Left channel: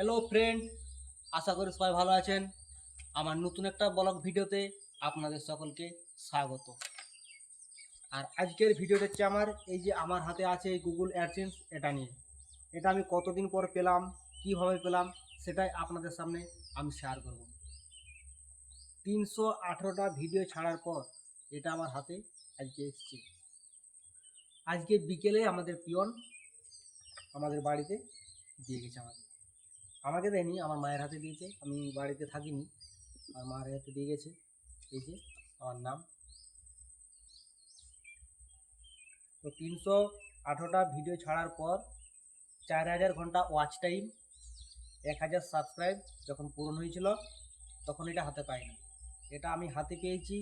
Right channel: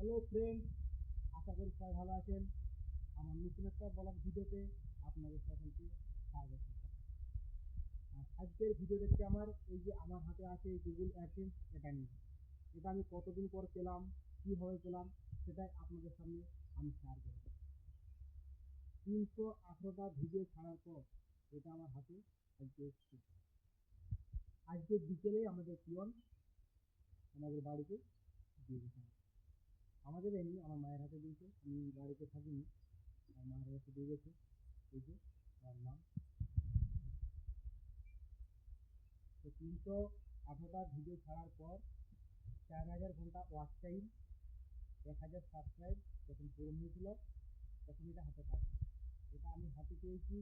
Hello friend, আশা করি সবাই ভালো আছেন। আমার নতুন একটা ব্লগ ভিডিওতে আপনাদের সকলকে স্বাগত। আর আজকের ভিডিওটা হচ্ছে আমার হাতে আছে গুগল অ্যাডসেন্স। এটা নিয়ে এটা আমি কতদিন পর পেলাম, কিভাবে পেলাম, সেটাই আপনাদের সামনে আমি শেয়ার করব। 318টা ভিডিও ছাড়ার পর এটা আমার হাতে আজকে এসেছে। আজকে বিকেলে আমাদের পিয়ন আমাদের বাড়িতে দিয়ে গেছে। আমাকে দেয়নি, আমার মায়ের হাতে দিয়েছে। আমি বাড়িতে থাকিনি, আমার মায়ের হাতে দিয়ে গেছে। এই যে আমার নাম। তো 318টা ভিডিও ছাড়ার পর 4000 ঘন্টা ওয়াচ টাইম, 1000 সাবস্ক্রাইব যখন পূরণ হয়েছিল তখন এটা হাতে পাইনি। এটা আমি হাতে পেয়েছি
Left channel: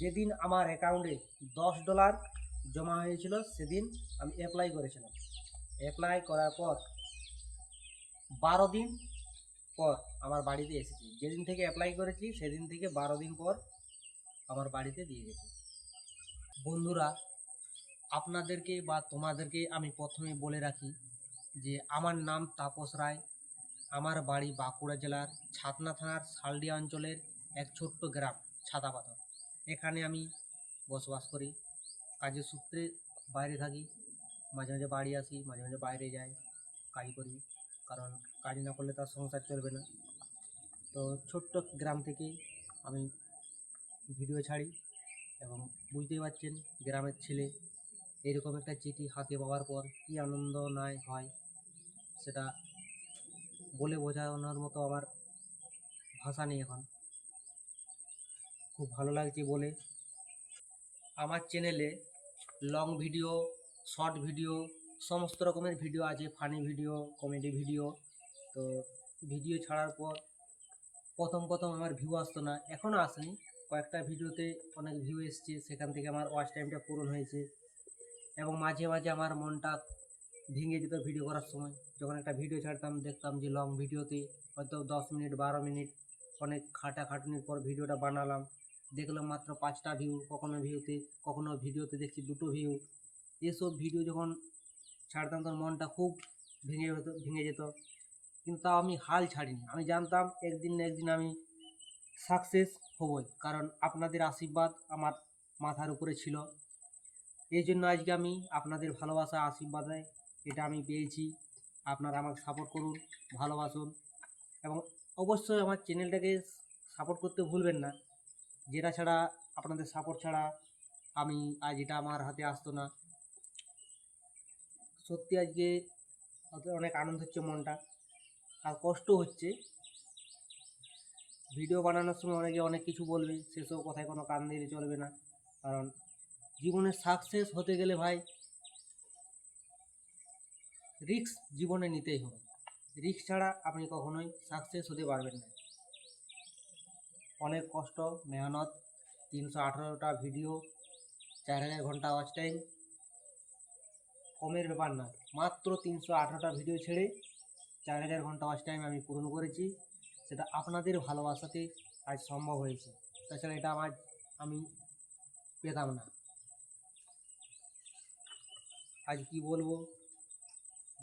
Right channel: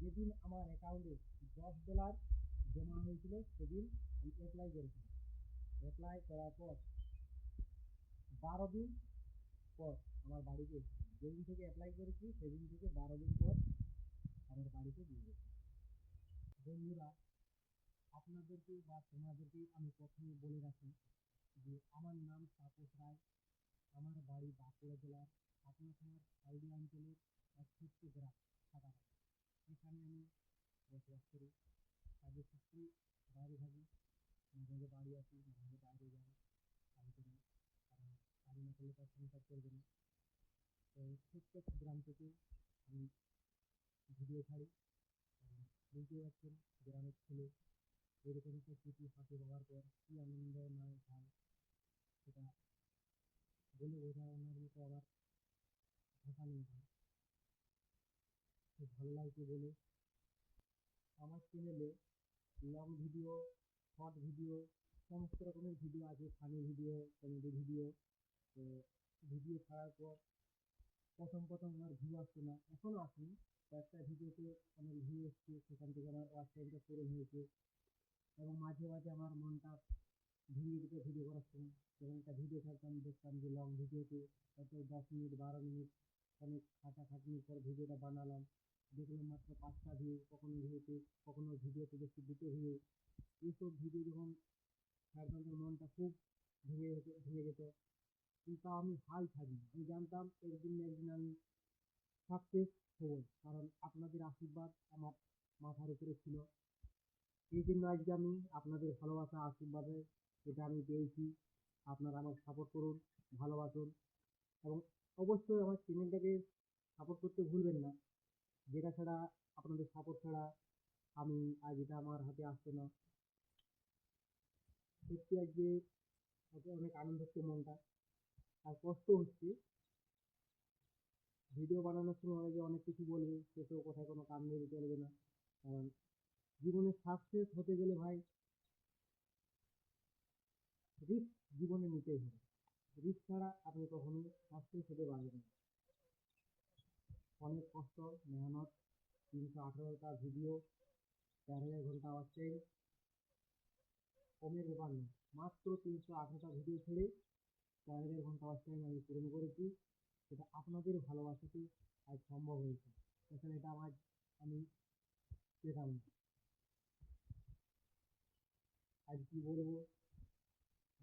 যেদিন আমার অ্যাকাউন্টে $10 জমা হয়েছিল। সেদিন আমি অ্যাপ্লাই করেছিলাম। অ্যাপ্লাই করার পর 12 দিন পর আমার বাড়িতে এসেছি। যেদিন থেকে অ্যাপ্লাই করেছি সেদিন থেকে 12 দিন পর আমার বাড়িতে দিয়ে গেছে। বন্ধুরা, আপনাদেরকে বা তোমাদেরকে আমি প্রথমে বলে রাখি যে আমার নাম তাপস রায়। আমার বাড়ি বাঁকুড়া জেলার ছাতনা থানার শালডিয়া অঞ্চলের এক ছোট্ট গ্রাম ছাতাপাথর। এখানে আমি বসবাস করি। কাজের সূত্রে বাইরে থাকি, মাঝে মাঝে বাড়ি আসি, মাঝে মাঝে বাইরে যাই, কাজ করি। কারণ কাজ না করলে তার সংসার চলবে না। তো ছোট্ট গ্রাম থেকে আমি ভিডিও ছাড়ি এবং বুঝতেই পারছেন গ্রামের ছেলে এরকম একটা চিঠি হাতে পাওয়ার পর কী আনন্দ নাই হয়, সেটা বলে বোঝানোর মতো আমার ভাষা নেই এখন। খুব ভালো লাগছে বলে। আমার চ্যানেলে লং ভিডিও, শর্ট ভিডিও, সমস্ত রকমের ভিডিও আছে। Funny video, comedy video. তো ভিডিও ছাড়ার পর প্রথম আমার ভিউ আসতো না, এখনও আসেনি। কয়েকটা ভিডিওতে অনেক ভিউ এসছে, সেখান থেকে আমার ওয়াচ টাইমটা পূরণ হয়েছে। এবং মাঝে মাঝে আমার মনটা ভেঙে যেত ভিডিও করার সময়। যখন একটা ভিডিও ছাড়তাম দেখতাম যে লং ভিডিওতে হয়তো 10 মিনিট 12 মিনিট অনেক খাটাখাটুনির পর ভিডিওটা বানালাম, দেখলাম মাত্র 5টা ভিউ, কখনো ভিডিওতে দেখছি 2টো ভিউ। এসব ভিডিও যখন ছাড়তাম তখন মনটা খুব ভেঙে যেত। কিন্তু তাও আমি হাল ছাড়িনি। আমি জানতাম একদিন না একদিন আমি সাকসেস হবই, কারণ আপনাদের আশীর্বাদ আমার মাথার উপরে ছিল। এই জন্য আজকে আমি আপনাদের ভালোবাসা আশীর্বাদে এটা আমি পেয়েছি। আপনারা আমাকে সাপোর্ট করুন, ভালোবাসুন এবং অবশ্যই আমার চ্যানেলটাকে সাপোর্ট করতে ভুলবেন না। যেটা ছাড়া, আপনাদের সাপোর্ট ছাড়া আমি আজ এটা আমার হাতে আসতো না। সত্যি আজকে অনেক আনন্দ হচ্ছে মনটা, আর কষ্ট হচ্ছে। ভিডিও বানানোর সময় অনেকে অনেক কিছু বলবে, সেসব কথায় কোনো কান দিলে চলবে না। কারণ জীবনে সাকসেস হতে গেলে ভাই রিস্ক জীবনে নিতেই হবে। রিস্ক ছাড়া আপনি কখনোই সাকসেস হতে পারবেন না। অনেক কষ্ট, মেহনত। 318টা ভিডিও, 4000 ঘন্টা ওয়াচ টাইম কমের ব্যাপার না। মাত্র 318টা ভিডিও ছেড়ে 4000 ঘন্টা ওয়াচ টাইম আমি পূরণ করেছি। সেটা আপনাদের ভালোবাসাতে আজ সম্ভব হয়েছে। তাছাড়া এটা আমি পেতাম না। আজ কি বলবো,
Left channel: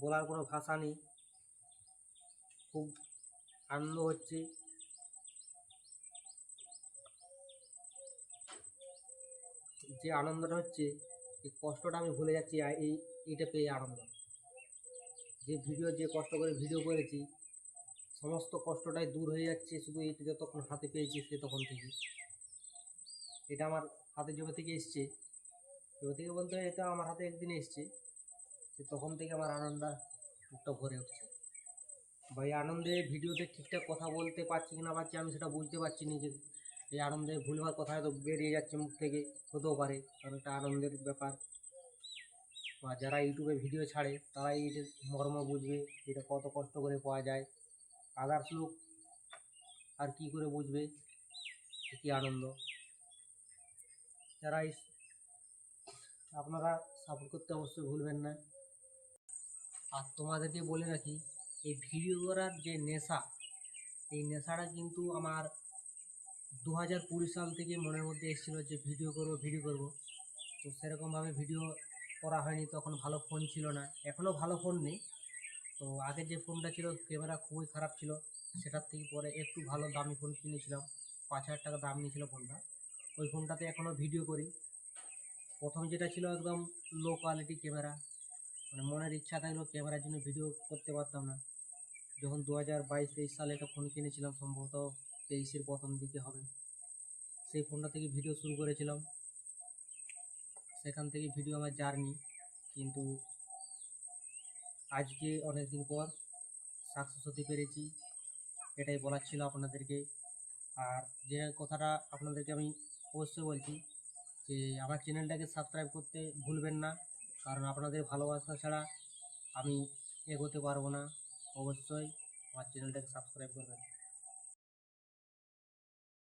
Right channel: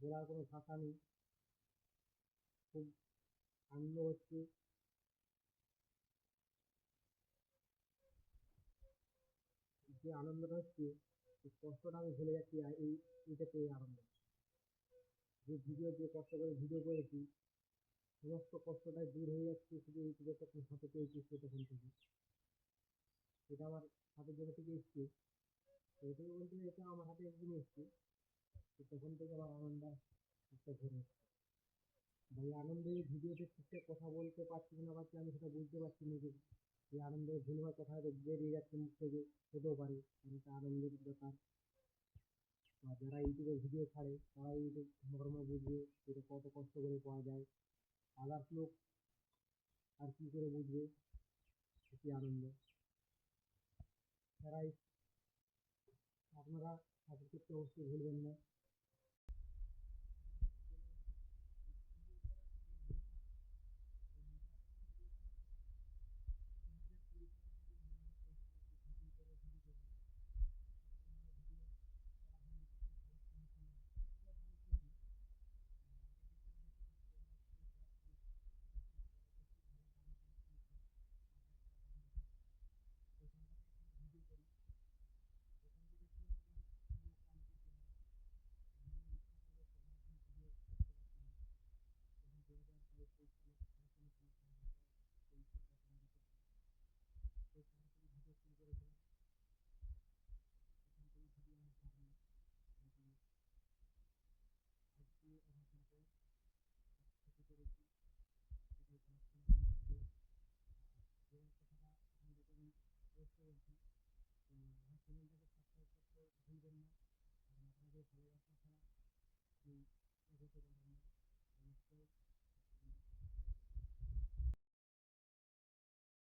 বলার কোনো ভাষা নেই। খুব আনন্দ হচ্ছে। যে আনন্দটা হচ্ছে, এই কষ্টটা আমি ভুলে যাচ্ছি এইটা পেয়ে আনন্দ। যে কষ্ট করে ভিডিও করেছি, সমস্ত কষ্টটাই দূর হয়ে যাচ্ছে শুধু এইটা যতক্ষণ হাতে পেয়েছি সে তখন থেকে। এটা আমার হাতে যবে থেকে এসছে, যবে থেকে বলতে এটা আমার হাতে একদিন এসছে, সে তখন থেকে আমার আনন্দটা ভরে উঠছে। বা এই আনন্দে ভিডিওতে ঠিকঠাক কথা বলতে পারছি কি না পারছি আমি সেটা বুঝতে পারছি না। যে এই আনন্দে ভুলভাল কথা হয়তো বেরিয়ে যাচ্ছে মুখ থেকে, হতেও পারে, কারণ এটা আনন্দের ব্যাপার। বা যারা ইউটিউবে ভিডিও ছাড়ে তারাই এটার মর্ম বুঝবে, এটা কত কষ্ট করে পাওয়া যায়। আদার্স লোক আর কি করে বুঝবে কী আনন্দ। যারা আপনারা সাপোর্ট করতে অবশ্যই ভুলবেন না। আর তোমাদেরকে বলে রাখি, এই ভিডিও করার যে নেশা, এই নেশাটা কিন্তু আমার 2020 সাল থেকে মনের মধ্যে এসেছিলো যে ভিডিও করব। তো সেরকমভাবে ভিডিও করা হয়নি, তখন ভালো ফোন ছিল না, এখনও ভালো ফোন নেই। তো আগে যে ফোনটা ছিল ক্যামেরা খুবই খারাপ ছিল, সেটার থেকে পরে একটু ভালো দামি ফোন কিনেছিলাম, 5,000 টাকা দাম নিয়েছিল ফোনটা। ওই ফোনটাতে এখনও ভিডিও করি। প্রথম যেটা ছিল একদম লো কোয়ালিটি ক্যামেরা, মানে মনের ইচ্ছা থাকলেও ক্যামেরার জন্য ভিডিও করতে পারতাম না। যখন 2022-23 সালে একটা ফোন কিনেছিলাম, সম্ভবত 23-এর প্রথম দিকে হবে, সেই ফোনটা থেকে ভিডিও শুরু করেছিলাম। সেখান থেকে ভিডিও আমার জার্নি, কিন্তু আজকে অনেক দিন পর সাকসেস হতে পেরেছি, এটাই বলার ছিল আপনাদেরকে। আর যে কথাটা আপনাদেরকে আমি অবশ্যই বলছি যে আমার চ্যানেলটাকে সাবস্ক্রাইব করতে ভুলবেন না, কারণ আপনাদের ভালোবাসা ছাড়া আমি এগোতে পারবো না। অবশ্যই আমার চ্যানেলটাকে সাবস্ক্রাইব করবেন।